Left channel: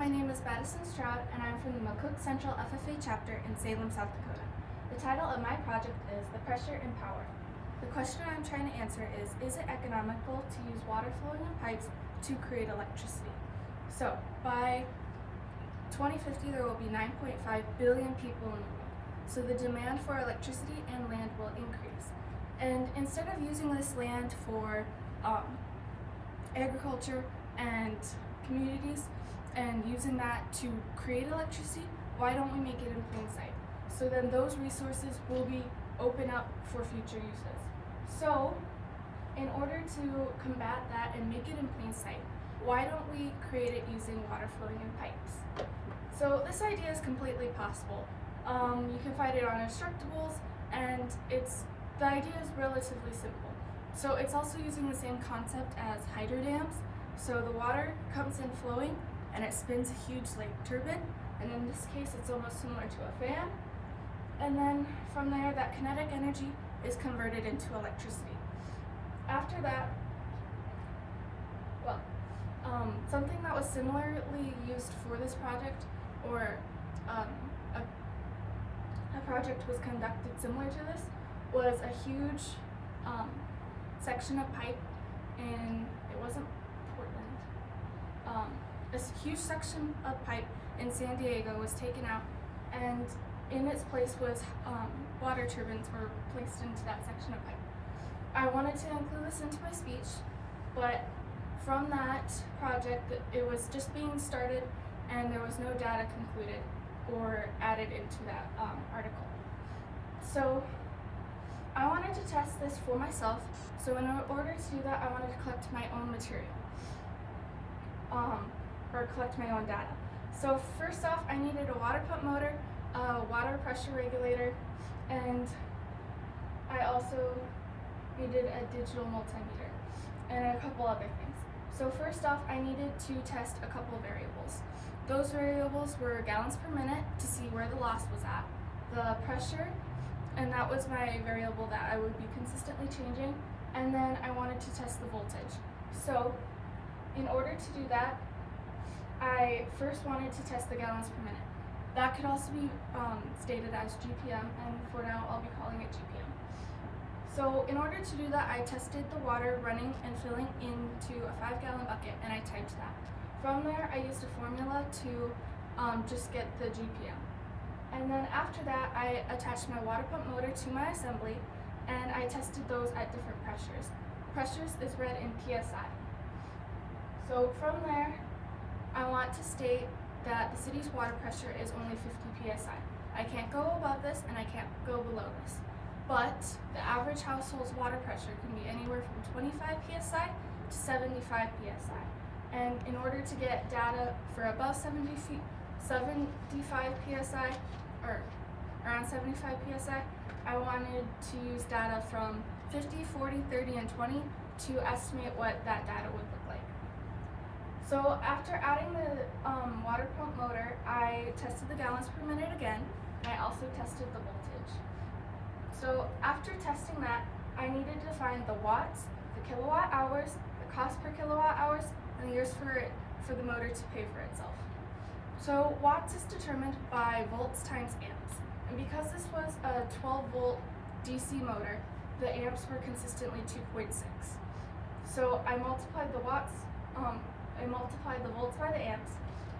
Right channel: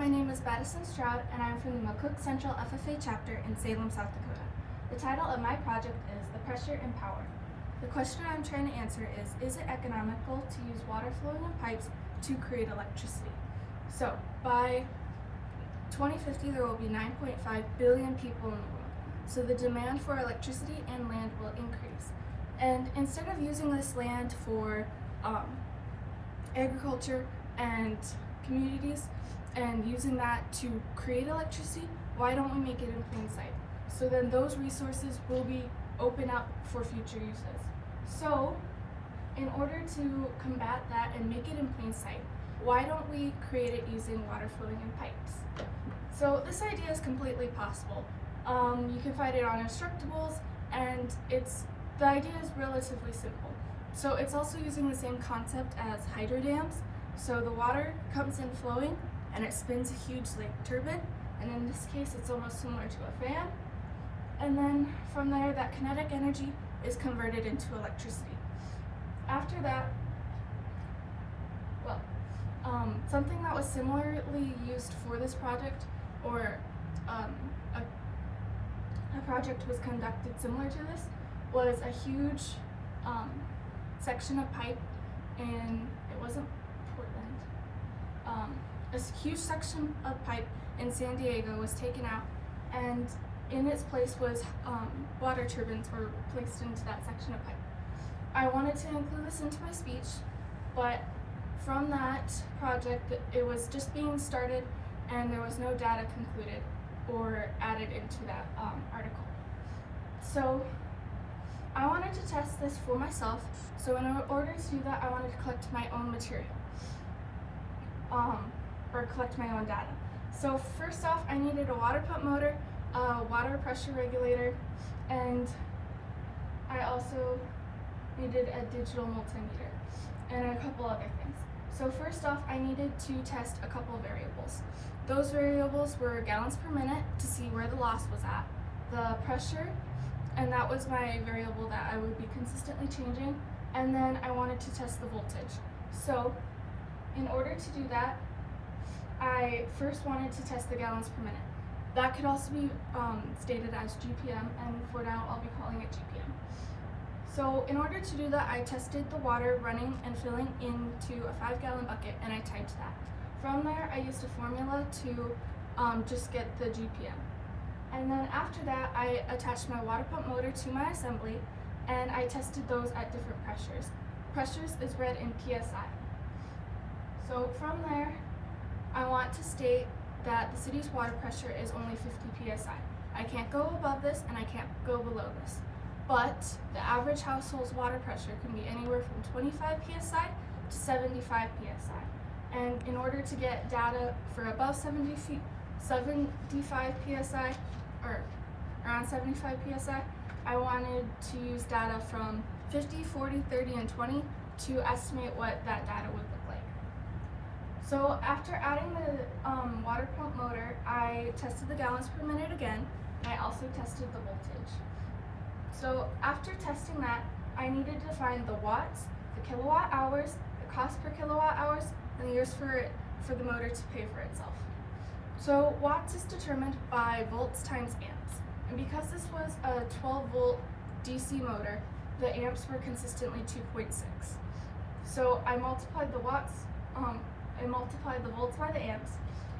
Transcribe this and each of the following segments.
my name is Madison Stroud, and I'm from the McCook Central FFA chapter in Salem, South Dakota. The title of my project is The Pressure and Power. The question I'm trying to answer is it economical to use water flowing in pipes to create electricity? So, by 2050, there will be 9.5 billion people in the world. So the demand for electricity and land will increase. And instead of using this land for agriculture and communities and using that to create electricity, why don't we make it in plain sight? So then those resources will be open up for future uses. So in order to combat that and make it in plain sight, why don't we create it using water flowing in pipes? So this idea is completely possible. You can find it on Instructables, and the idea is relatively simple. So it's also using the same concept as hydro dams. So the water comes in flowing and it spins a huge turbine, and in this case it's almost similar to a fan. And then from there, that kinetic energy is converted into electricity. After that, something that was similarly used for this project, or a project was conducted similar to this, was a huge section of pipe it wasn't Portland. A huge section of pipe in San Diego was taken out, and in its place was water turbines were placed into that section of pipe. I wanted to include this into my speech, but from that project, it was just being started and there was no data concluded or added into that article. So I wanted to test this for myself. So in order to do that, I wanted to collect my own material, or collect my own data. So first off, I needed a water pump motor, a water pressure regulator, and I also needed a digital multimeter and a couple other things. So first off, I needed to test a couple of variables. Those variables were gallons per minute to see where the loss was at, the pressure, and that was my variable that I would be consistently changing, and then I wanted to test the voltage. So in order to do that, I first wanted to test the gallons per minute. That could also be stated as GPM, and for now I'll be calling it GPM. So in order to do that, I tested the water running and filling into a 5-gallon bucket, and I typed that. From there, I used a formula to just get the GPM. And then after that, I attached my water pump motor to my assembly, and I tested those at different pressures. Pressures is read in PSI. So from there, I want to state that the city's water pressure is only 50 PSI. I can't go above this and I can't go below this. But the average household's water pressure can be anywhere from 25 PSI to 75 PSI. And in order to get data for above 75 PSI, or around 75 PSI, I wanted to use data from 50, 40, 30, and 20 to estimate what that data would look like. So after adding the water pump motor, I tested the gallons per minute again, and I also tested the voltage. So after testing that, I needed to find the watts, the kilowatt hours, the cost per kilowatt hours, and the years for the motor to pay for itself. So watts is determined by volts times amps. And because this was a 12-volt DC motor, the amps were consistently 2.6. So I multiplied the watts, I multiplied the volts by the amps,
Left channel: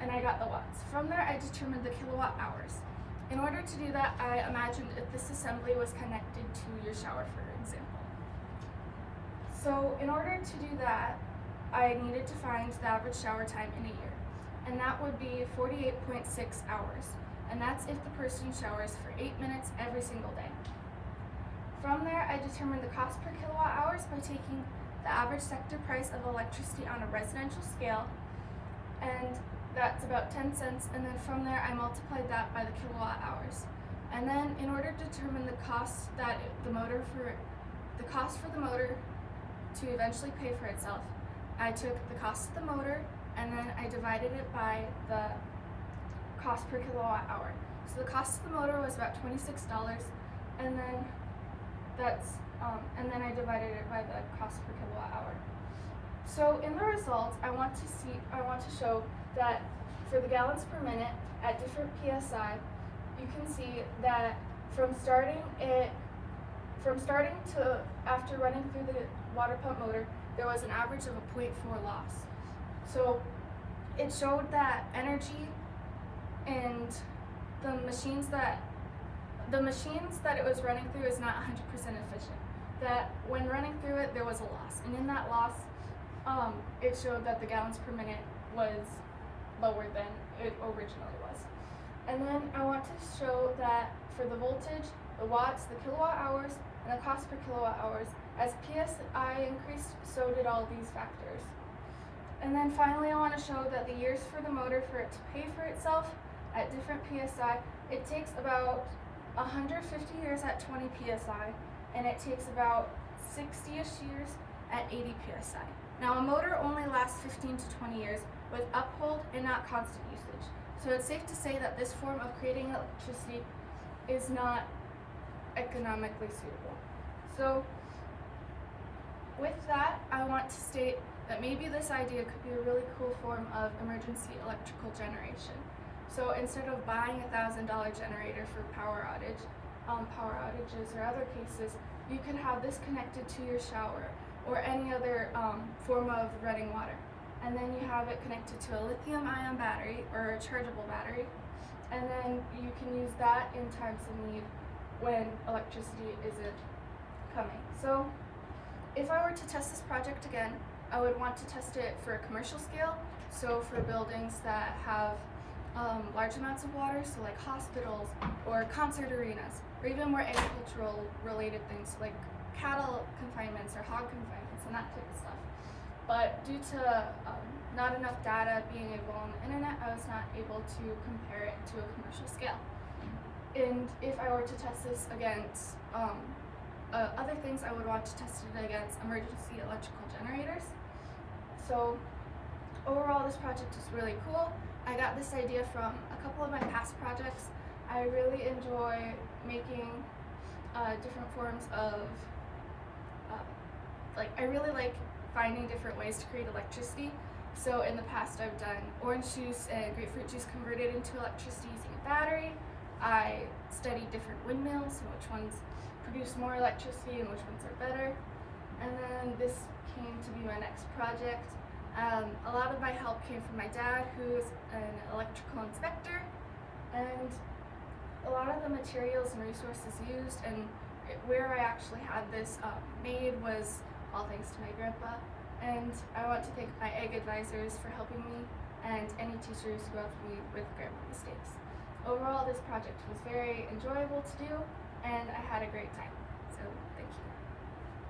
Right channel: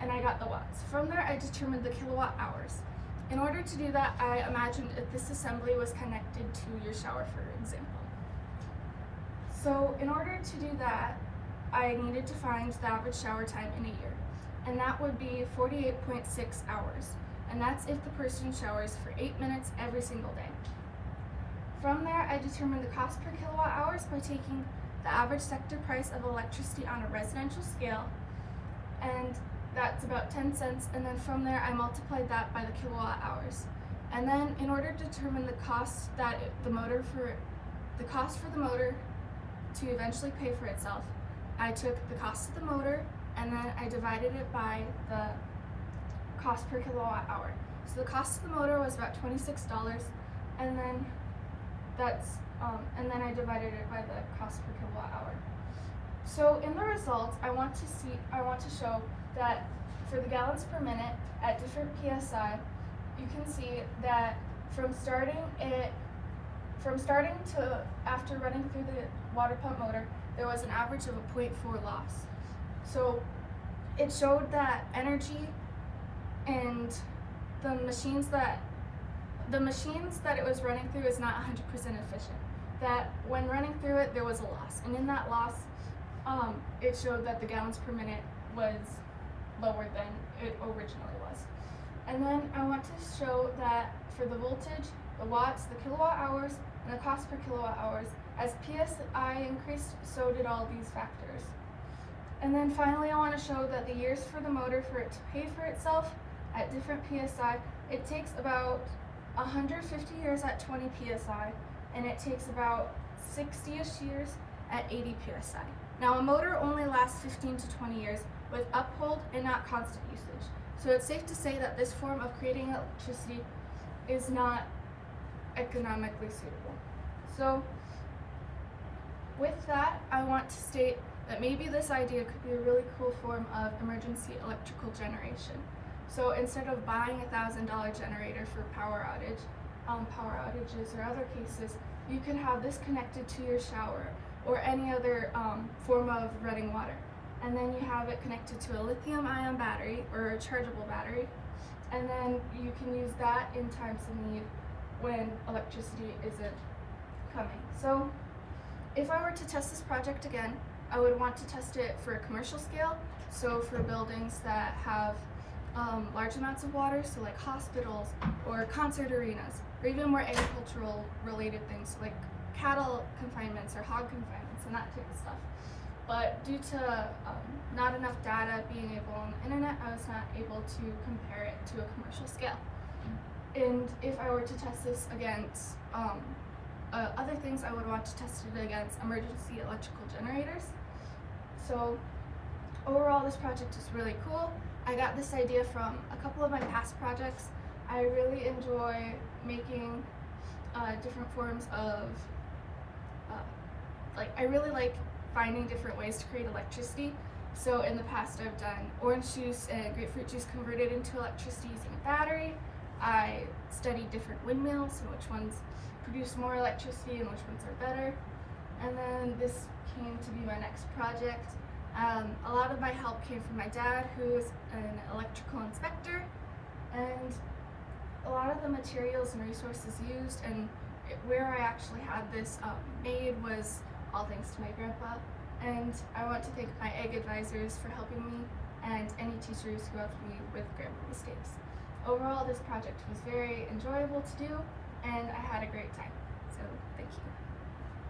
and I got the watts. From there, I determined the kilowatt hours. In order to do that, I imagined if this assembly was connected to your shower, for example. So in order to do that, I needed to find the average shower time in a year, and that would be 48.6 hours. And that's if the person showers for 8 minutes every single day. From there, I determined the cost per kilowatt hours by taking the average sector price of electricity on a residential scale, and that's about 10 cents, and then from there I multiplied that by the kilowatt hours. And then in order to determine the cost for the motor to eventually pay for itself, I took the cost of the motor and then I divided it by the cost per kilowatt hour. So the cost of the motor was about $26, and then I divided it by the cost per kilowatt hour. So in the results, I want to show that for the gallons per minute at different PSI, you can see that from starting to after running through the water pump motor, there was an average of a 0.4 loss. So it showed that energy and the machines that it was running through is not 100% efficient. That when running through it, there was a loss, and in that loss, it showed that the gallons per minute was lower than it originally was. And then I want to show that for the voltage, the watts, the kilowatt hours, and the cost per kilowatt hours, as PSI increased, so did all these factors. And then finally, I want to show that the years for the motor for it to pay for itself at different PSI, it takes about 150 years at 20 PSI, and it takes about 60-ish years at 80 PSI. Now, a motor only lasts 15 to 20 years with uphold and not constant usage. So it's safe to say that this form of creating electricity is not economically suitable. So with that, I want to state that maybe this idea could be a really cool form of emergency electrical generation. So instead of buying a $1,000 generator for power outages or other cases, you could have this connected to your shower or any other form of running water. And then you have it connected to a lithium-ion battery or a chargeable battery. And then you can use that in times of need when electricity isn't coming. So if I were to test this project again, I would want to test it for a commercial scale. So for buildings that have large amounts of water, so like hospitals or concert arenas, or even more agricultural related things like cattle confinements or hog confinements and that type of stuff. But due to not enough data being able on the internet, I was not able to compare it to a commercial scale. And if I were to test this against other things, I would want to test it against emergency electrical generators. So overall, this project is really cool. I got this idea from a couple of my past projects. I really enjoy making different forms of, I really like finding different ways to create electricity. So in the past, I've done orange juice and grapefruit juice converted into electricity using a battery. I studied different windmills and which ones produce more electricity and which ones are better. And then this came to be my next project. A lot of my help came from my dad, who is an electrical inspector, and a lot of the materials and resources used and where I actually had this made was all thanks to my grandpa. And I want to thank my egg advisors for helping me and any teachers who helped me with grammar mistakes. Overall, this project was very enjoyable to do, and I had a great